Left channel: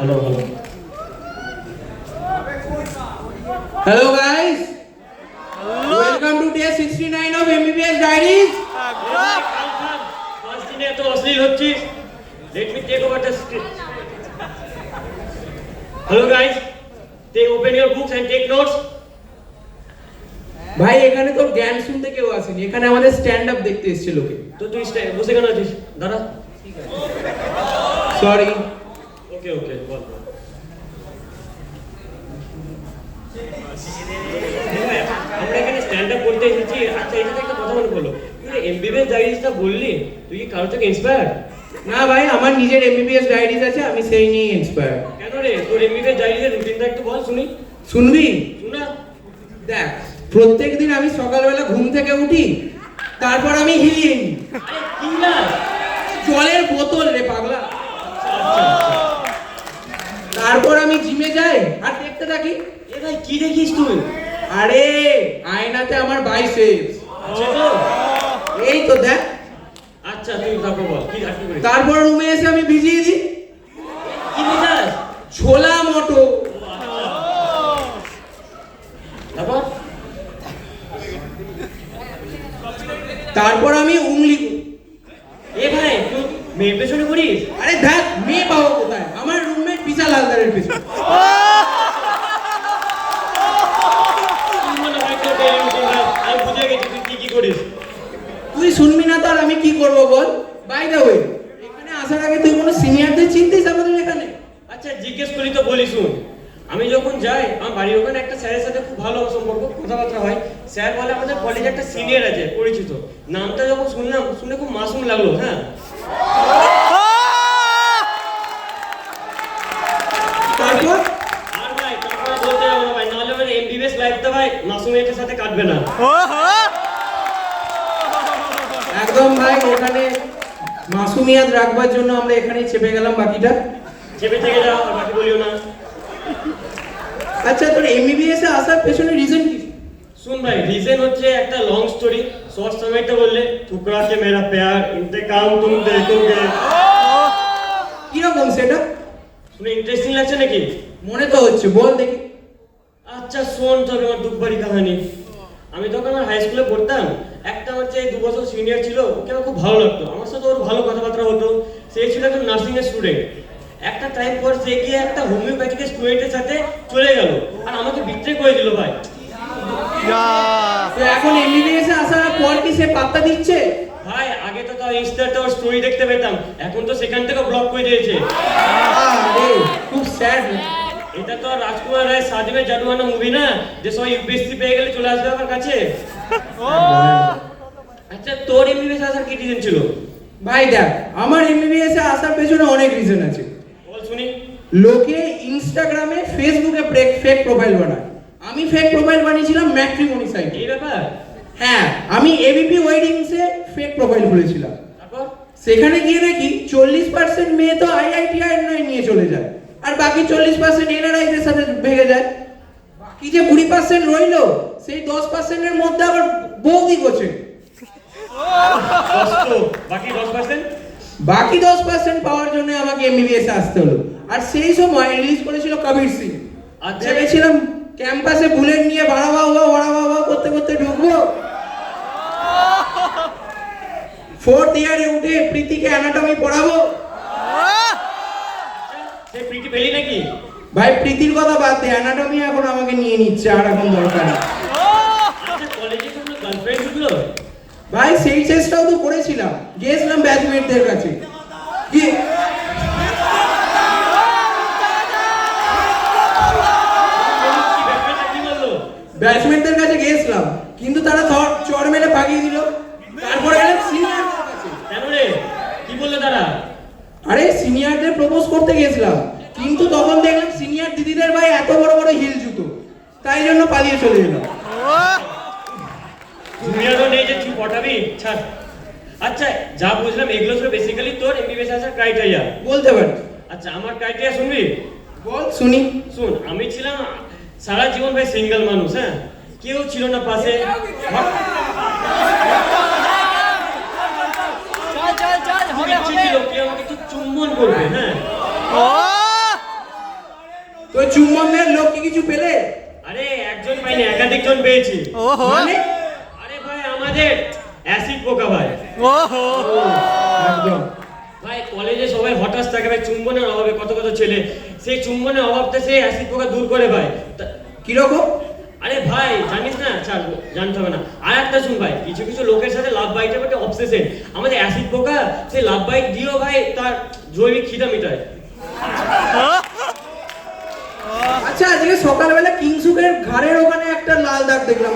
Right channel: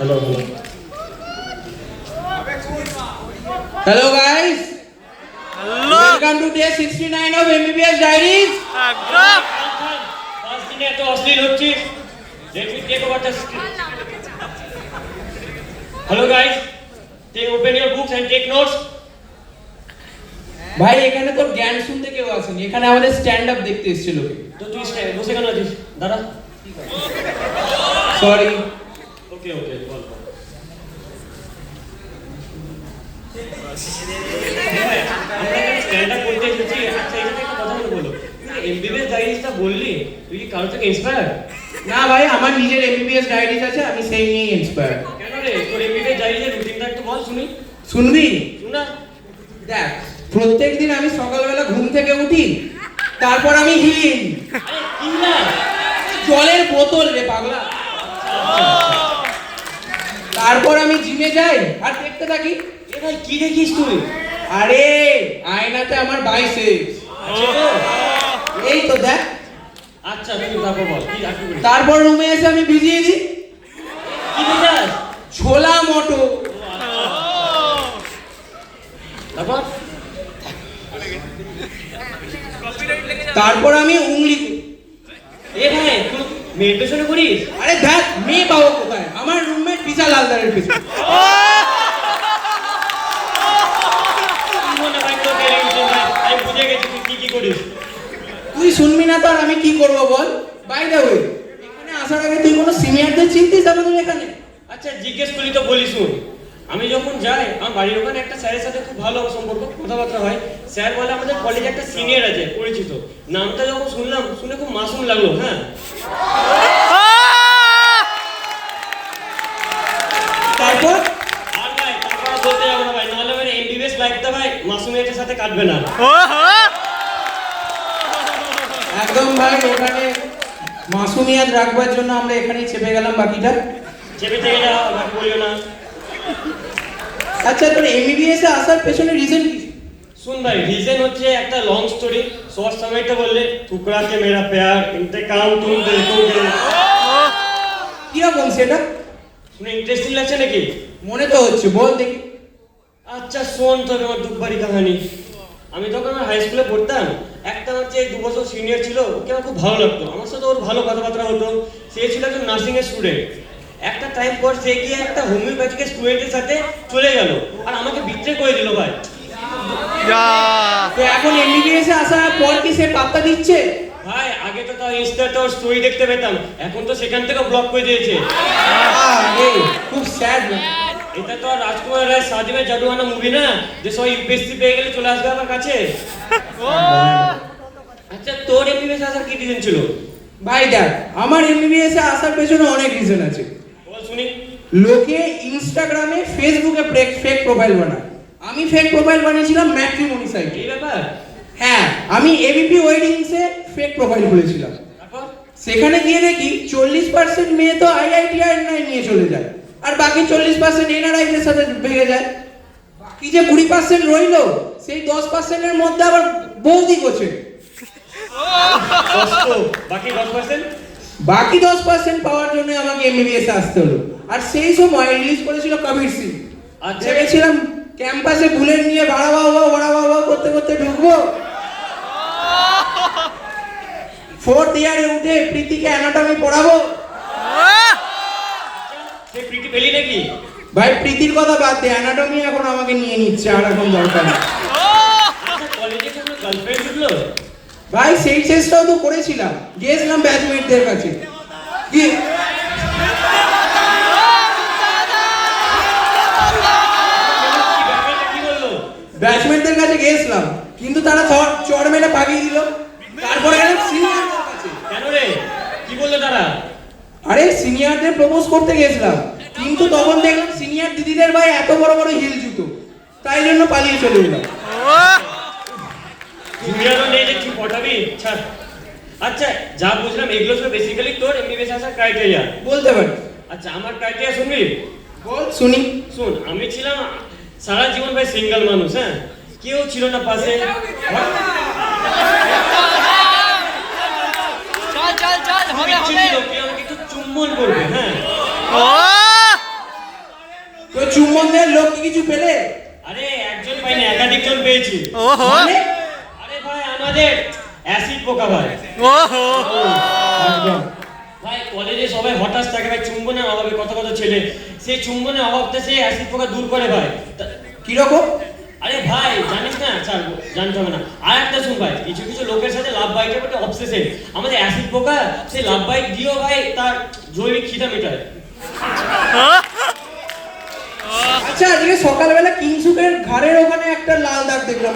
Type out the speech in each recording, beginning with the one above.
Hello, hello. Hello guys. Hello. Welcome to day 69 of MBBS Diaries. First দিনে এত অশ্লীল হচ্ছিস। Let me take over the script. Hello guys. Take open your books and take notes. ভাই এখানে তোর জ্ঞান শুনতে কেউ আসেনি, এখানে আমাদের স্ট্যান্ড আপ দেখতে এসেছিল লোকে। তো তুই বসে কেন আছিস? দাঁড়া। সরি। ওকে ওকে বল। আমরা এখানে স্ট্যান্ড আপ করতে এসেছি। আচ্ছা এটা একটা কথা বলো। তুই এমবিবিএস ডায়েরিজটা বললি, তুই কি কারো থেকে ইন্সপায়ার? না ভাই, আমার নিজের MBBS ডায়েরিজ আছে, আমি সেই নিয়ে ইন্সপায়ার। কেন রে? তোর এমবিবিএস ডায়েরিজের রুটিনটা একটু বল শুনি। শুনবি? শুনা। দেখ, প্রত্যেকদিন আমি সকালবেলা ঘুম থেকে উঠি, তারপর আমি হিলিং। আরে কি না? জলের বোতল রে পাগলা। তারপর আমি জিমে যাই আর দেখতে থাকি। এ ভাই কি দেখিস তুই? আরে আয়নাতে আমার বাইসেপস। এই তো দেখ। আচ্ছা তুই তারপর বল কি আকি করিস? তারপর রুমে এসে আমি ভিজিয়ে দিই কি দেখাস? ছোলা মটর। তারপর তারপর আমি উংলি করি। এ ভাই তুই মেয়ের পেছনে করিস? আরে দেখ, মেয়ে পাবো কোথায়? আমার রুমমেট বিশাল হালদারের পেছনে। কি মনে হয় তোর ডেইলি রুটিন ভাই? আমি বুঝে গেছি তুই কি কি করিস। তুই শুনবি না তো আর আমি কি করবো বল? বাই দ্য ওয়ে, এখানে আসার আগে তুই কোনো সিনিয়রদের চিনতিস আমাদের এখানে? আচ্ছা জিজ্ঞেস করলি তো বলি শুন। আমি যখন যাই আমার বাড়ির ওখানে একটা স্যারের সাথে খুব ভালো সম্পর্ক, কথাবার্তা হয়। স্যার বলে আমাদের কলেজে একটা সিনিয়র আছে পরিচিত। নামটা যখন শুনলাম, শুনে খুব মাসুম লাগলো। হ্যাঁ তারপর আর ভাই তারপর বলতে যাবো না ভাই, নাহলে আমার এমবিবিএস লাইফটা ভাই মাসুমিয়াতের সাথে কাটবে না। একদম ভাই, এখানে মাসুমিয়াত রাখবার জন্য আমরা এখানেই চেপে গেলাম বাকিটা। চেপে থেকে যাও, বাকি বলিও না। আচ্ছা, তোর MBBS এ আসার পেছনে রিজন কি? सुन भाई रीजन হচ্ছে একটা লং স্টোরি, শর্ট সময়টা বললে টুকরা কে মেরা প্যার ইন্তেকাম তুম দেখোগে। কিরকম সেটা? শুনে ইন্টারেস্টিং লাগছে নাকি? মনে তো হচ্ছে, বল দেখি। আচ্ছা শোন তবে আমার দুঃখবাড়ি কাহিনী। আমি যখন আমার হাই স্কুলে পড়তাম, একটা আমার যে 2 বছর সিনিয়র ছিল, ওকে আমার খুব ভালো লাগতো। আমার সাথে ওর ভালো কথাবার্তা হতো। সে ছিল একজন নার্সিং এর স্টুডেন্ট। একটা টাইম পর সে গিয়ে একটা হোমিওপ্যাথিক স্টুডেন্টের সাথে চলে গেল আর আমাকে বিট্রে করে দিল ভাই। তো এখন MBBS এ আসার পর কি সে পাত্তা দিচ্ছে? ভাই আগে তো তাও ইনস্টাতে ওর স্টোরি দেখতে পেতাম, এখন তো সেখান থেকে ব্লক করে দিয়েছে। আরে খুব স্যাড। এটা তো রাজকুমার রায় শাদি মে জাদুয়ানা মুভি না, যে সব ইউপিএসসি পেয়ে গেলে চলে আসবে আমার কাছে। আচ্ছা তোর এমবিবিএস আসার কি রিজন ছিল? ভাই দেখ, আমার MBBS এ আসার পেছনে অনেক রিজন আছে। বল শুনি। লোকে ইনস্টাগ্রামে ফেসবুকে ফেক প্রোফাইল বানায়, আমি ফেক প্রোফাইল বানিয়েছিলাম ম্যাট্রিমনি সাইটে। এই ব্যাপার? হ্যাঁ, আমি ABP ওয়েডিংসে ফেক প্রোফাইল খুলেছিলাম। তারপর সেখানে গিয়ে নাকি 40% মেয়ে তো IITR নিয়ে চলে যায়, আর বাকি 40% NRI দের সাথে ভেগে যায়। বাকি যে 20% রইলো, সেই 10% এর মধ্যে আবার বৌদি গোছে। কষ্ট, বাকি 10%? বাকি 10% পাওয়ার জন্য আমাকে MBBS এ আসতে হলো। আর সেই সময় রিলিজ করেছিল কবির সিং। আচ্ছা। ভেবেছিলাম ক্যাম্পাসে বুলেট নিয়ে ভাড়া বাবা করতে করতে ঢুকবো। 4th ইয়ারে উঠে প্রীতিকে অ্যানাটমি পড়াবো। সে প্রীতি পেলি নাকি? ভাই প্রীতির কথা বাদ দে, অ্যানাটমি এখন আমাকে নিয়ে নিচ্ছে, আর এখন দরকার নেই। আচ্ছা কলেজে কোনো গার্লফ্রেন্ড ঢুকলো? ভাই সেই চেষ্টাও তো করেছিলাম, গিয়েছিলাম ব্যাচমেটদের কাছে। কি ব্যাপারটা কি বললো? ব্যাচমেটদের কাছে গিয়েছিলাম, কিন্তু তারা চড় মেরে পাকিয়ে দিল। তারপরে গেলাম সিনিয়রদের কাছে। কেন রে? কি বললো তারা? আরে সিনিয়রদের প্রপোজ করতে গেছিলাম, কিন্তু তখন দেখলাম সিনিয়র দিদিদের ভাই এত বড় বড় হিল জুতো, তাই জন্য পালিয়ে চলে এলাম। সুবিধাও নেই যে তুই পটাবি, ছাড়। আচ্ছা যা বুঝলাম এগুলো সব বেসিক্যালি তোর এমবিবিএস আসার ক্রাইটেরিয়া। বলতে পারি? আচ্ছা আমার ক্রাইটেরিয়া শুনবি? বল শুনি। শুন, আমি ছিলাম সারা জীবন ভাই সিঙ্গেল মানুষ। হ্যাঁ, কেউ ছিল না পাশে। চল ইচ্ছে ছিল কেউ আমাকে একটু চুম্বন করবে। হ্যাঁ চুম্বন দেওয়ার লোক কি কিছু পেলে? আরে একজন পাইনি, একাধিক জন পেয়েছি। মানে? আরে ভাই আমাদের অ্যাসিড পোকা ভাই। একদম। ভাই কলেজে সবাই হঠাৎ থাকে ভাই, চুম্বনের অভাবে কত কত ছেলে সেই চুম্বনের অভাবটা সেই অ্যাসিড পোকা দূর করে ভাই। কিরকম? আরে ভাই জানিস না, ছাড় জানতে হবে না। আর একটা শুন ভাই, কিছু কিছু লোকের সাথে লাভ বাইটের প্রতি অবসেশন। আমাদের অ্যাসিড পোকা সেই লাভ বাইট দিয়েও ভাই তার জৈবিক খিদা মেটায়। আচ্ছা, আজকে সকালবেলা কিংসুকের ঘরের ওখানে একটা লাল দাগ দেখলাম।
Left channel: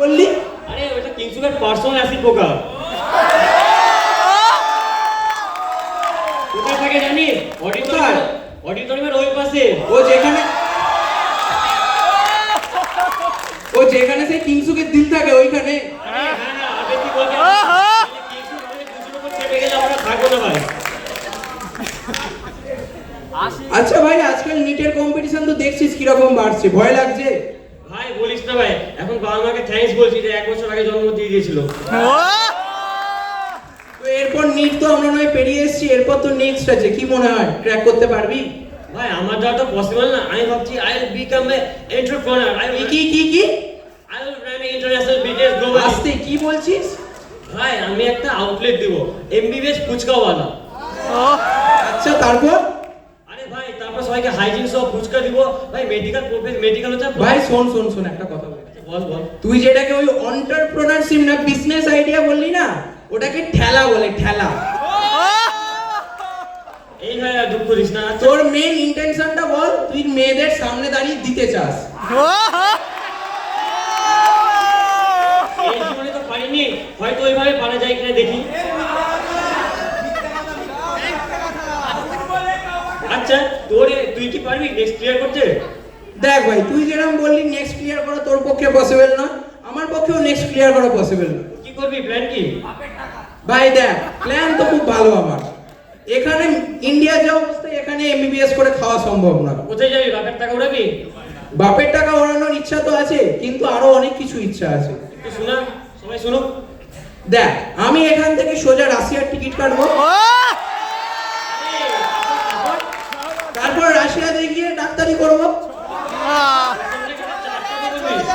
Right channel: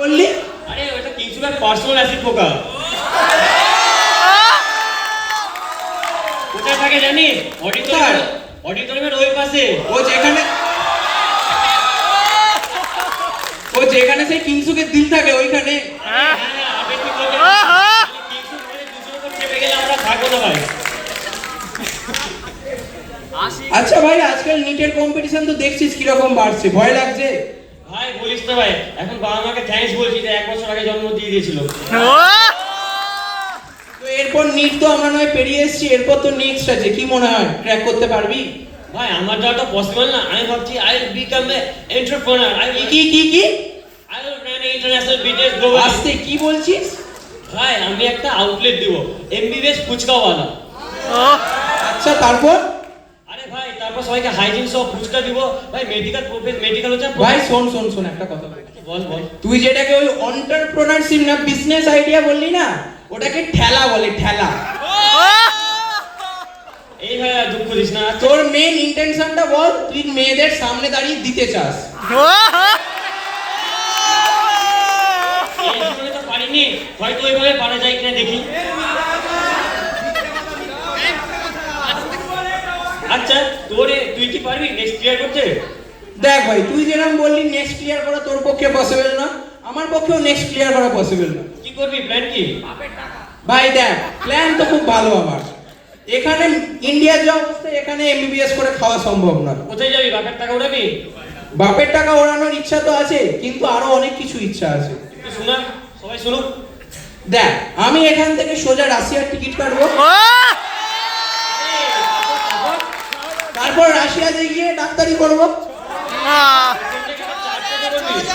বললি? আরে ওটা কিংসুকের পার্সোনাল অ্যাসিড পোকা। কোথায় থাকে জানি? অডিটোরিয়ামের ওই পাশে। ও যেখানে সেই কিংসুকের দিল থাকে ওইখানে। হ্যাঁ আপনি কি বলছেন? কিংসুক আমাদের দুজনের উপর চেপে গেলে আমরা থাকবো না ভাই। আচ্ছা ভাই, আজকাল নিটের কম্পিটিশন তো দেখছিস কিরকম বাড়ছে, ভয় লাগছে? ভাই বলিস না ভাই, এখন বাবা মাকে থ্যাঙ্কস বলছি যে 1 বছর আগে জন্ম দিয়ে দিয়েছিল। তো এরপর নিট তো আমরা নয় পেরিয়ে এসেছি, এরপর তো নেক্সট আছে, কি মনে হয় ক্র্যাক করতে পারবি? ভাই আমার যাওয়া তো পসিবল না। আমি ভাবছি I will become a entrepreneur. কি I will run international business global. আস্তে কি বলছিস? ভাই আমি একটা আউটলেট দিব, এমবিবিএস ফুচকাওয়ালা। আচ্ছা তারপর? আরে ভাই তারপর সবাইকে হাইজিন সহ ফুচকা দিব ভাই। মেডিকেল হচ্ছে ভাই শোন একটা কথা বল। তুই যেটাকে ওই এন্টারপ্রেনারশিপ না বিজনেস আইডিয়া বললি না, ওটাকে ঠেলা বলে, ঠেলা। এই ভাই আর দুঃখ দিস না। তোর মেইন ইন্টেনশনটা বল, তুই মেয়েদের সামনে দাঁড়িয়ে দিতে চাস। এই জীবনে তো পারিনি, হয়তো ওইভাবে পারা যায় কিনা দেখি। আচ্ছা তুই কি পারবি নেক্সট ক্লিয়ার করতে? দেখ ভাই, তুই যেরকম বললি নেক্সট ক্লিয়ার করা তোর পক্ষে পসিবল না, আমার পক্ষেও নেক্সট ক্লিয়ার করা পসিবল না। কি করবি, প্ল্যান কি? ভাই দেখ, প্ল্যান তো খুব ভালো আমার। এখানে ইন্ডিয়া যে অবস্থায়, এখানে এমবিবিএস করে খাওয়া সম্ভব না। কোথায় যাবি? বাপের টাকা উড়াবি? বাপের টাকা ওড়ানোর ইচ্ছা তো আছে, কিন্তু আরো অনেক কিছু ইচ্ছা আছে। শোনা, সবাই শুনুক। দেখ, আমি এখান থেকে সোজা রাশিয়ার টিকিট কাটবো, তারপর রাশিয়াতে গিয়ে ডাক্তারি করবো।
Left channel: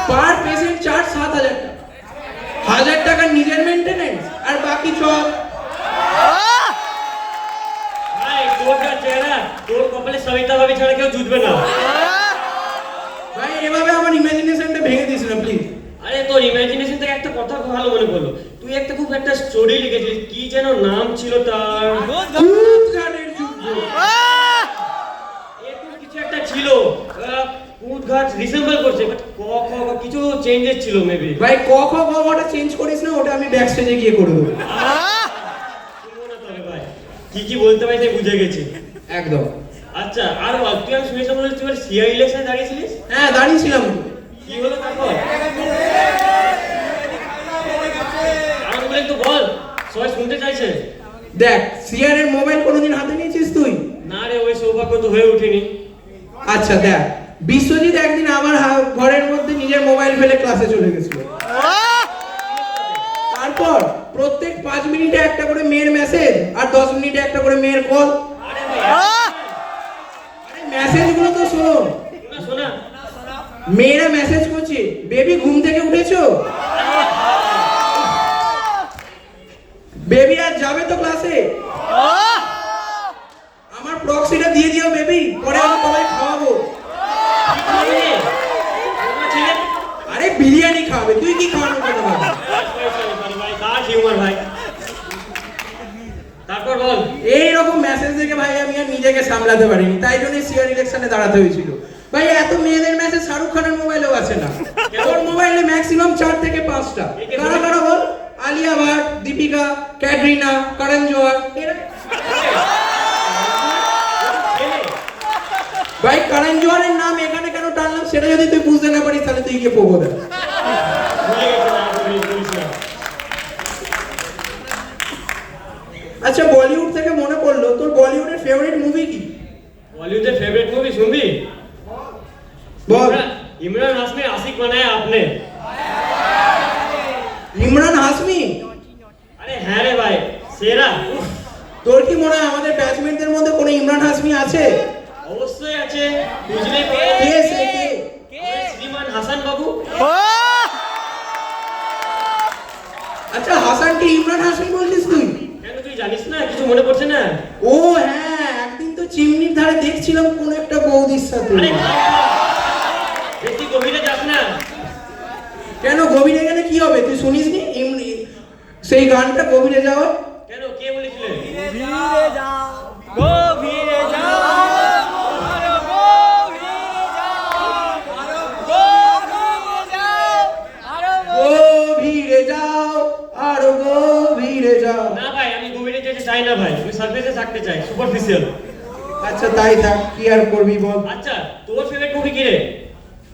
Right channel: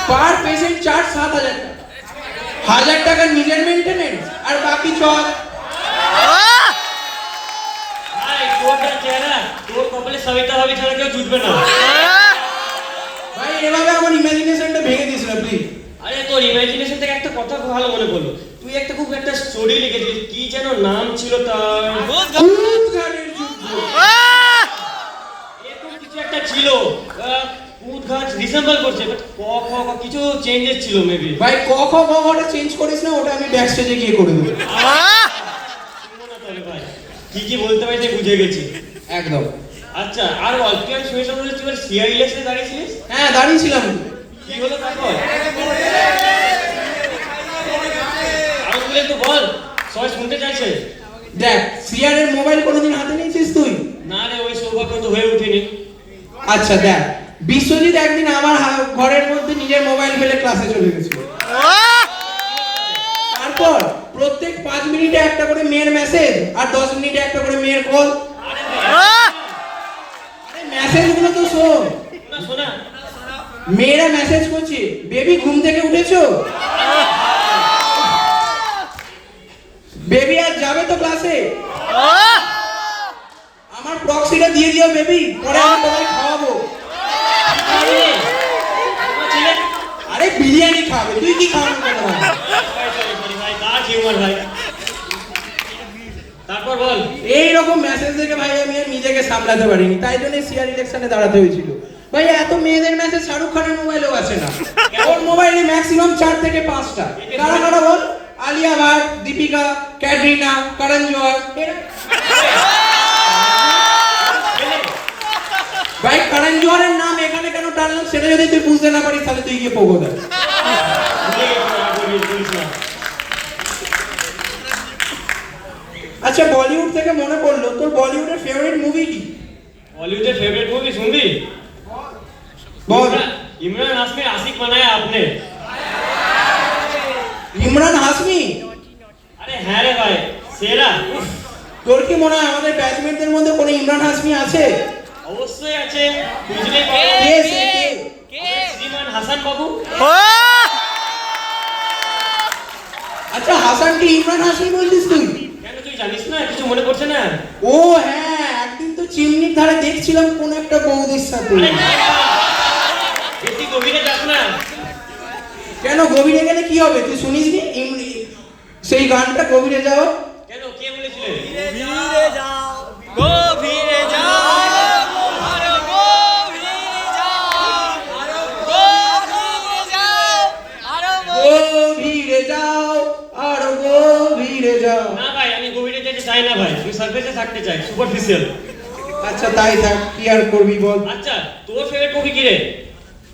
পার পেশেন্ট চার্জ 7,000 টাকা, 1,000 টাকা নিজের মেইনটেনেন্স, আর বাকি সব। ভাই তোর যা চেহারা, তোর কপালে সবিতা ভাবি ছাড়া কেউ জুটবে না। ভাই এভাবে আমার ইমাজিনেশনটা ভেঙে দিস না প্লিজ। আরে তোর ইমাজিনেশন থেকে একটা কথা খুব ভালো মনে পড়লো। তুই খুব একটা স্টোরি লিখেছিস, কি যেন নাম ছিল তার? কুদঘাটের যুদ্ধ। এরকম কিছু একটা ছিল। কুদঘাট রিসেম্বল করছে, বাট ক খ কিছু চেঞ্জেস ছিল মেবি। ভাই ক খ গ ঘটা চেঞ্জ করিস না, ওটা আমি ব্যাক স্টেজে গিয়ে করে দেবো। ভাই কি বলতে পারছি বুঝে গেছি একদম। আচ্ছা, আর অল্প শুনেছি বলে তুই সিআই ইলেকশনে দাঁড়িয়েছিলিস? হ্যাঁ দাঁড়িয়েছিলাম। কি হলো তারপর? আর বলে তো বল, সবাই শুনতে চাইছে। দেখ, সিআর এর মোবাইল কোনোদিন হাতে নিয়েছিস তুই? না রে, ওই সৌভাগ্য তো হয়ে ওঠেনি। আচ্ছা দেখ, বিশ্বজিৎ একদিন আমার ঘরের মধ্যে নিজের মোবাইল ফেলে ক্লাসে চলে গেছিল। তারপর প্রত্যেক 5 মিনিটে একটা করে মেয়ের মেসেজ, আর 10 মিনিটে একটা করে মেয়ের কল। আরে মেসেজগুলো তো শোন। শোনা, মেয়েরা মেসেজ করছে, বেবি ঘুম থেকে উঠেছো? বেবি আজ যাবে তো ক্লাসে? আমার প্রক্সিটা দিয়ে দিও বেবি, পরে আমি তোমাকে খাওয়াবো। আরে বিরিয়ানি খাবে, তুই কি খাওয়ানোর কথা বল? তারপর বল। এইরকম মেসেজ দেখে ভাই আমি আর নিজেকে সামলাতে পারিনি, তাই জন্য সিআর ইলেকশনে দাঁড়াতে হয়েছিল। ভাই এত মেয়েদের মেসেজ শাহরুখ খানের মোবাইলেও আছে না, ওর মোবাইলে ম্যাক্সিমাম 4 থেকে 5টা। কারা কারা বল? আলিয়া ভাট, দীপিকা, ক্যাটরিনা, করণ জোহর। ভাই করণ জোহরের নাম এখানে কেন টানলাম সেটা যদি তুই বুঝতে না পারিস, তাহলে তুই গিয়ে পোগো দে। আচ্ছা, বলিউড থেকে মনে পড়লো, তোর বলিউডের ফেভারিট মুভি কি? बॉलीवुड फेवरेट मूवी सुन भी बोल। इमरान हाशमी आशिक बनाया आपने। ইমরান হাসমি? আরে হ্যাঁ রে ভাই, সেরা। তোর কি মনে হয় আমাদের ব্যাটসম্যানদের মধ্যে কোনো ইমরান হাসমি আছে? অবশ্যই আছে, বুঝলে কে সে কে? শ্রীমান হাসান বাবু। আচ্ছা, হাসানকে ইমরান হাসমি বলছিস তুই? কেন তুই জানিস না, কিছু মনে পড়ছে না? ও হ্যাঁ, একদিন তো চিমনির ধারে দেখছিলাম কোন একটা বৌদির সাথে। আরে না, বেশি গভীরে যাস না। কেন গভীরে গেলে কি হবে? তুই শুনিসনি সেই গানটা গভীরে যাও? কেন, কে বলেছিলেন? গভীরে যাও, গভীরে যাও, আরো গভীরে যাও, আরো গভীরে যাও, আরো গভীরে যাও, আরো গভীরে যাও। না ভাই, আমি গভীরে যেতে চাই না ভাই, আমি সারফেসে থাকতে চাই, সুপারফিশিয়াল। আচ্ছা তাই থাক, কি আর করবি বল। আচ্ছা, তোর ফেভারিট মুভি কি রে?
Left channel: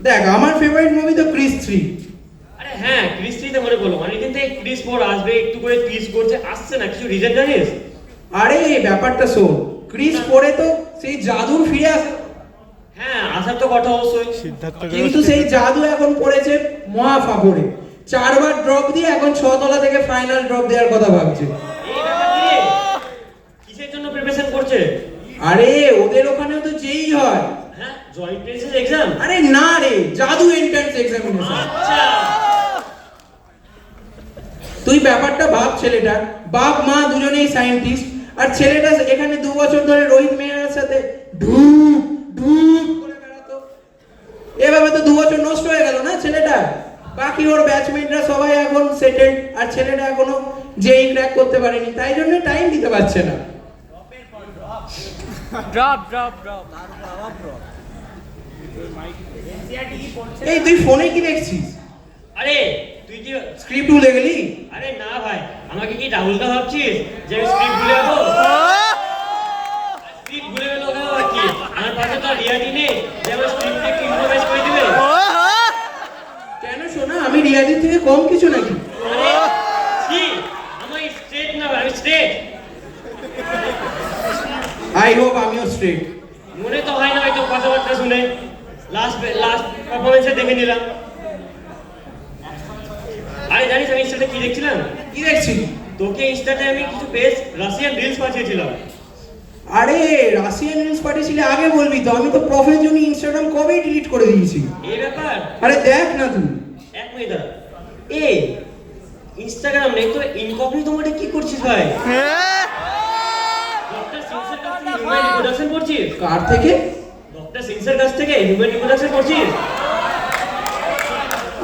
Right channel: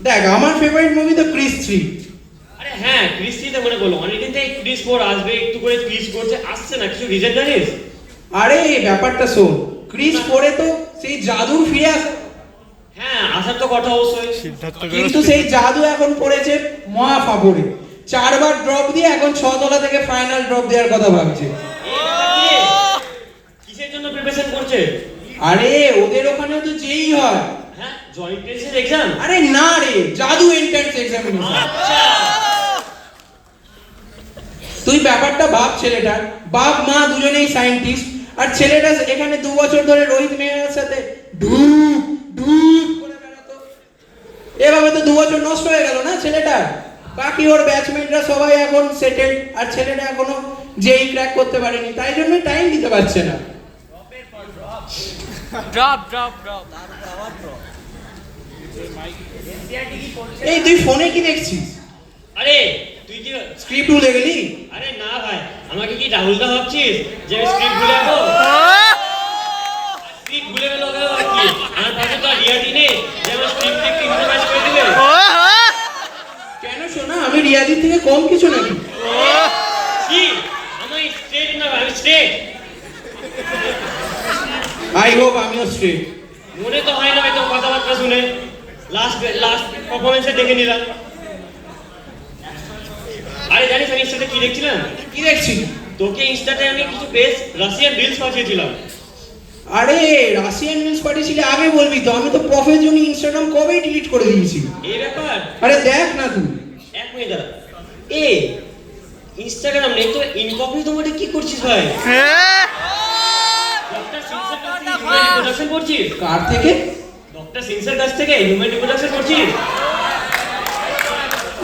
দেখ, আমার ফেভারিট মুভি তো ক্রিস 3। আরে হ্যাঁ, ক্রিস 3 তে মনে করলো, অনেকদিন থেকে ক্রিস 4 আসবে, একটু করে ক্রিস করছে, আসছে না, কিছু রিজন জানিস? আরে এই ব্যাপারটা শোন, ক্রিস 4 তো সেই জাদু ফিরে আসে, হ্যাঁ আসার তো কথা অবশ্যই, কিন্তু সেই জাদু এখন পড়েছে মহা ফাপড়ে। 4 বার ড্রপ দিয়ে এখন 6 তলা থেকে ফাইনাল ড্রপ দেওয়ার কথা ভাবছে। এই ব্যাপার নিয়ে কিসের জন্য প্রিপারেশন করছে? আরে ওদের ওখানে তো যেই হয়। হ্যাঁ, জয়েন্ট প্রেসের এক্সাম। আরে না রে, জাদু এন্ট্রান্স এক্সামিনেশন। আচ্ছা, তুই ব্যাপারটা ভাব, ছেলেটার বাপ মা দুজনেই সায়েন্টিস্ট, আর ছেলেটা এখানে 2 বছর ধরে রোহিত মেহরার সাথে ঢুক ঢুক করে বেড়াতো। এভাবে তো 2 বছর নষ্ট হয়ে গেল না ছেলেটা। বাকি ওর ব্যাটসম্যানরা সবাই এখন সেটেলড, আর ছেলেটা এখনো যেই ক্র্যাক করতে পারেনি, তাই জন্যই টাইম দিতে পারছে না। Drop drop drop. এই তুই ফোনে কি দেখছিস? আরে তুই কি, স্ক্রিপ্ট ভুলে গেলি? আরে না ভাই, আমাকে কি রাহুলদা ভাবছিস যে আমি স্ক্রিপ্ট ভুলে যাবো? স্ক্রিপ্ট ভুলে গেল ওকে আবার কি? আমার কাছে তো রিয়াদি নেই যে আমার স্ক্রিপ্ট একটু ইম্প্রোভাইজ করে দিবে। কেন শোনা, আমি রিয়াদির থেকে কম কিছু নাকি? কি, আমি স্ট্রেট না ভাই, আমি স্ট্রেট। আই হোপ আমিও স্ট্রেট। মনে তো হয় না হয়তো কথাবার্তা শুনে, লাস্ট পারফরমেন্সে দেখে নিলাম। আরে জানিস আমি ইনস্টাতে কি দেখছিলাম? কি দেখছিস? তোকে ইনস্টাতে আমি কিছু রাশিয়ান রিলস পাঠিয়েছিলাম। আরে রাশিয়ান নিউজ পাঠিয়েছিলে, আগে বলবি তো, আমি তো প্রফের জন্য ইনস্টাগ্রাম কবেই ডিলিট করে দিয়েছি। এই ব্যাপার? আরে দেখ না তুই। এক মিনিট দাঁড়া। এ ইনস্টাগ্রাম নেই তো ইনকগনিটো মোডে কি করছিস ভাই? ডক্টর সিনসের কাছ থেকে হিউম্যান রিপ্রোডাকশন করছিস? কার থেকে? ডক্টর সিনসের কাছ থেকে হিউম্যান রিপ্রোডাকশন করছিস?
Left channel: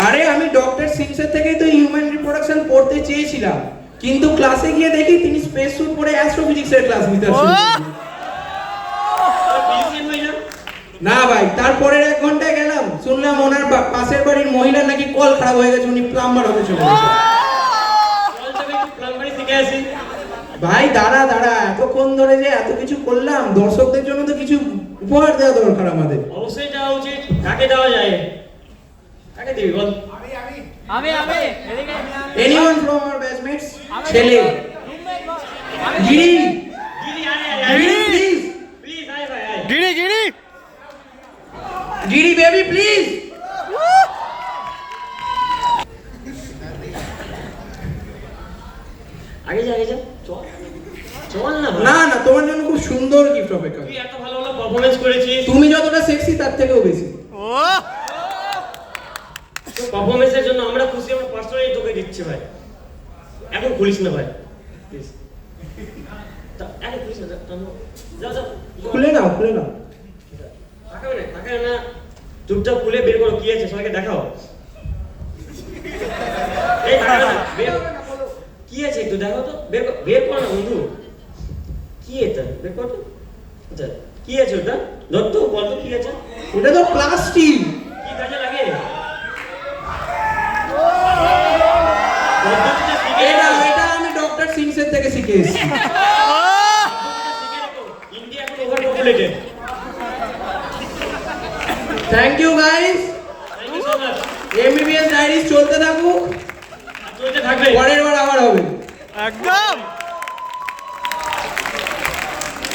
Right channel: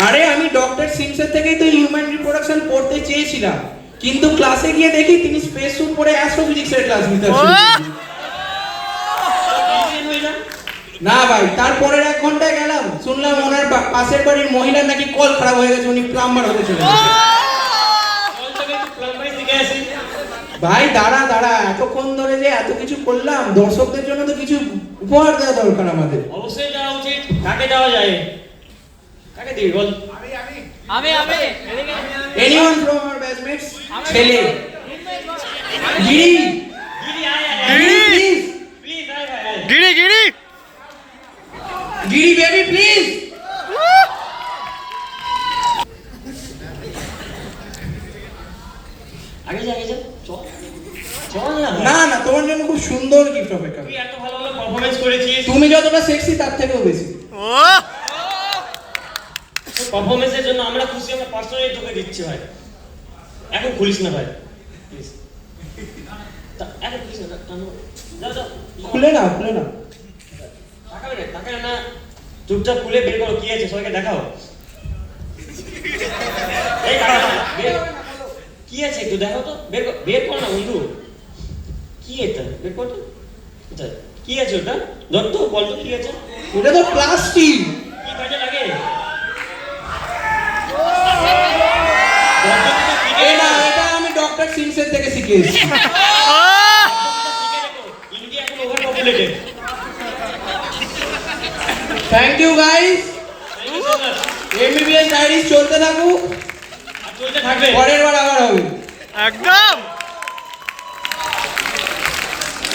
আরে আমি ডক্টর সিংসের থেকেই তো হিউম্যান রিপ্রোডাকশন পড়তে চেয়েছিলাম, কিন্তু ক্লাসে গিয়ে দেখি তিনি স্পেস স্যুট পরে অ্যাস্ট্রোফিজিক্সের ক্লাস নিতে আসছেন। ডিসিশন হয়ে যাও। না ভাই, তারপরের 1 ঘন্টায় গেলাম, শুনলাম ওনার পাশের বাড়ির মহিলার নাকি কল খারাপ হয়ে গেছে, উনি প্লাম্বার হতে চলেছে। চল তবে একটু প্লাম্বারি শিখে আসি। ভাই দাঁড়া দাঁড়া, এতক্ষণ ধরে যে এত কিছু করলাম, দর্শকদের জন্য তো কিছু উপহার দেওয়া দরকার আমাদের। অবশ্যই যাওয়া উচিত। কাকে দেওয়া যায়? কাকে দিবি বল? আমি এনিওয়ান ফ্রম आवर ব্যাচমেটস? ছেলে গিরি, গিরি আয় আয় গিরি আয়। প্লিজ, প্লিজ আয় ভাই আয়। গিরি গিরি গিরি বেবি প্লিজ। আগে যা আগে যা। চল। চল না। না না, তোমার জন্য খুব সুন্দর গিফট অপেক্ষা। তুই এত ভালো ভালো পারফরমেন্স করেছিস। তুমি যতটা সেক্সি তার থেকেও বেশি। ও পারফরমেন্সের জন্য আমরা খুশি, আমরা পার্সোনালি তোকে দিচ্ছি ভাই। এখন খুলিস না ভাই, প্লিজ। এখন খুলিস না, যাও যাও। খুলে নাও, খুলে নাও। তাকাবে না, চুপচাপ খুলে বের করো, কি আছে সবাইকে দেখাও। এই তাকাবে না, কি আছে একটু দেখো তো, বের কর না বন্ধু। কি এটা, বের কর তো। আচ্ছা, কি আছে ওটা? ধর তো, বল তো কি আছে। এটা তো প্লাস্টিক। কি কাজে লাগে? এটা এটা আমি ডক্টর সিংসের থেকে শিখে এসেছি। ইন্ডিয়া এখন over populated. Thank you guys. MBBS diaries চলতে থাকুক, চলতে থাকবে। পরের বার আবার হবে। একদম